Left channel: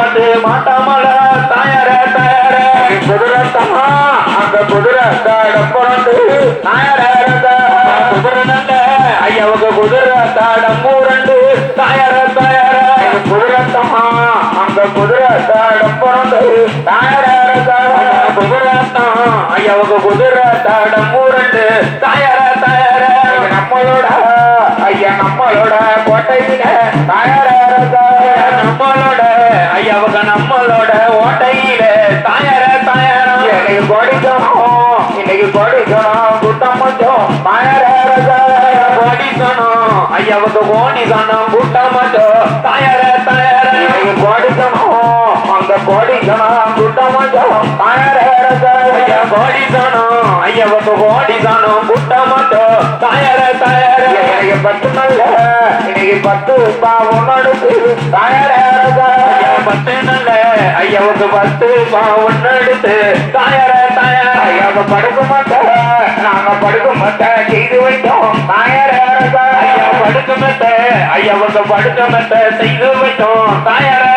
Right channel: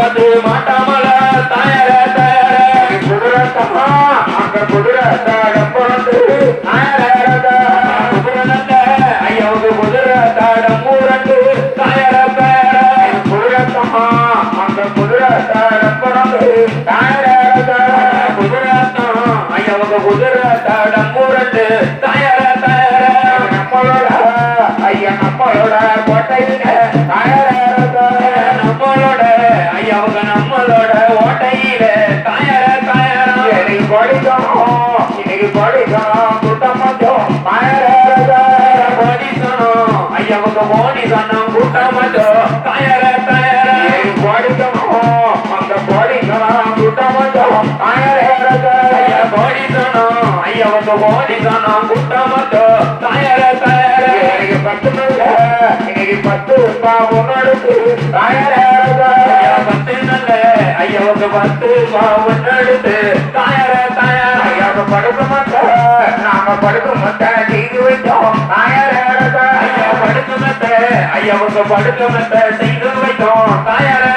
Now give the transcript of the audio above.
வந்து மாட்டாமல தாயார தாயார. குதிரை தம்மா அந்த குதிரை தாடம் பிறந்து தாயார. குதிரை நல்ல ஐயாவுக்கு குதிரை தாடம் மூரண்டு தாயார தாயார. குதிரை தம்மா அந்த குதிரை தாடம் பிறந்து தாயார. குதிரை தான் ஐயாவுக்கு குதிரை தாடம் மூரண்டு தாயார தாயார. நம்மளோட ஐயா நம்மளோட கோட்டையில தாயார. நம்மளோட நம்மளோட ஓட்டையில தாயார தாயார இன்னைக்கு படிக்கணும் இன்னைக்கு படிக்கணும் கூட்டம் மட்டும் தாயார படிக்கணும் ஐயாவுக்கு ஓடிக்கணும் கூட்டம் மட்டும் தாயார தாயார இன்னைக்கு படிக்கணும் அந்த படிக்கணும் கூட்டம் மட்டும் தாயார ஐயா படிக்கணும் ஐயாவுக்கு ஓடிக்கணும் கூட்டம் மட்டும் தாயார தாயார இன்னைக்கு பத்து நாள் இன்னைக்கு பத்து ஒன்னு தாயார பூம்பாவன் எடுத்து தாயார தாயார நாம படுக்க மாட்டோம். நாம படுக்க மாட்டேன் செய்து வைத்தோம். படுக்க மாட்டேன் செய்து